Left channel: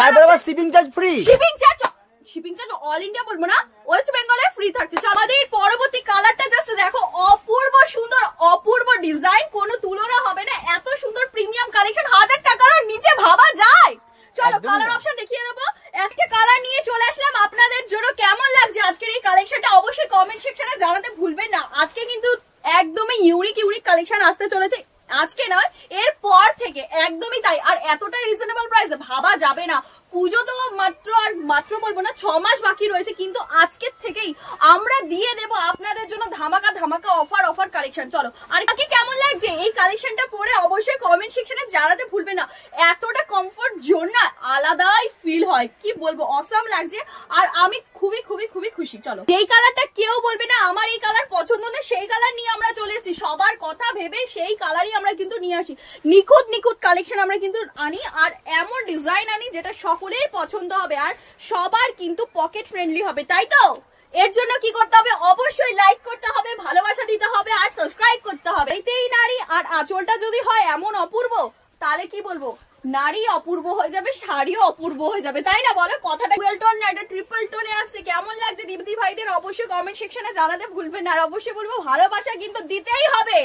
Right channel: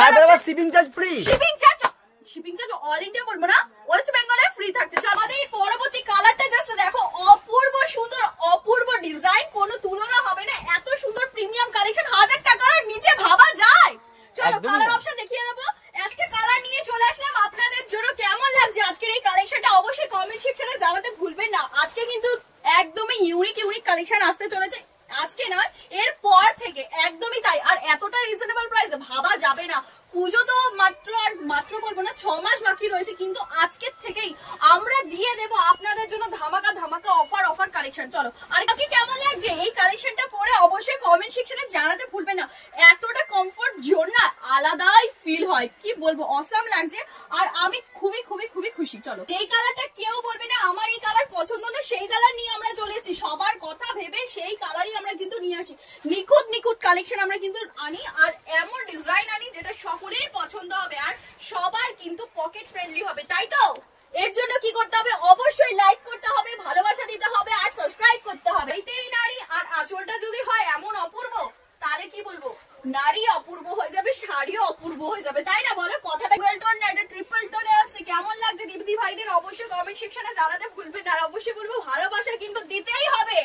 তারপরে আবার shipping charge free. Shipping charge all India বলবো না, ওয়েস্ট বেঙ্গলে ফ্রি থাকছে। আমাদের পরবর্তী কালারটা জাস্ট দেখো, অপূর্ব সুন্দর, অপূর্ব ডিজাইন, কোনো তুলনা হবে না। এত সুন্দর প্রিমিয়াম কালেকশন 1000 টাকার নিচে ভাবা যায়? চলো কালার অপশন দেখিয়ে দেবো। একটা কালার নিয়ে চলে আসলাম আপনাদের জন্য। কেমন লাগছে আজকের এই কালেকশনটা অবশ্যই কমেন্ট সেকশনে জানাতে ভুলবেন না। আজকে কিন্তু একদমই ইউনিক কালেকশন আসতে চলেছে, আজকে নয় এর পর থেকে, একদমই তাই। আর এতটাই রিজনেবল প্রাইসে ভাবা যাবে না। পুজো তো মাত্র বলবো না 6 মাস বাকি রয়েছে, কিন্তু আজকের থেকেই আমরা দিয়ে দেব আপনাদের জন্য ধামাকা অফার কালেকশন। চলো আর কি কেমন লাগছে এই কালেকশনটা পরে অবশ্যই কমেন্ট সেকশনে জানাতে ভুলবেন না। এতটা কমফোর্ট জোন না, আলাদাই ফিল হয়, কি বলবো, অসাম লাগছে। আর আমি খুবই খুশি। চলো, যেই কালারটা কেউ বলবে না আমার এই কালার পছন্দ না, সেই কালার নিয়ে আমরা চলে এসেছি। সবার কথা ভেবে সেই কালারই আমরা কিন্তু নিয়ে আসি। নিখুঁত কালেকশন আমরা কিন্তু আনি, আর এমন ডিজাইন আনি যেটা সকলের পছন্দ হবে আর সবার কিন্তু পকেট ফ্রেন্ডলি হবে, তাই তো? এর জন্য কি করতে হবে? অবশ্যই লাইক করতে হবে, ভালোবাসা দিতে হবে আর সাবস্ক্রাইব করতে হবে। এইতেই নারী। আর আঁচলটা যদি হয় এমন অপূর্ব, তাহলে কি বলবো, নারী অপূর্ব হয়ে যাবে, শাড়িও অপূর্ব হয়ে যাবে, তাই না বলো? কথাটা ডুয়াল টোন না, এটা ট্রিপল টোনে আসছে। কেমন লাগছে দীপ্তি ভাইদের অবশ্যই কমেন্ট সেকশনে জানাতে ভুলবেন না। আর অবশ্যই বলবো ভালোবাসা কিন্তু দিতেই হবে।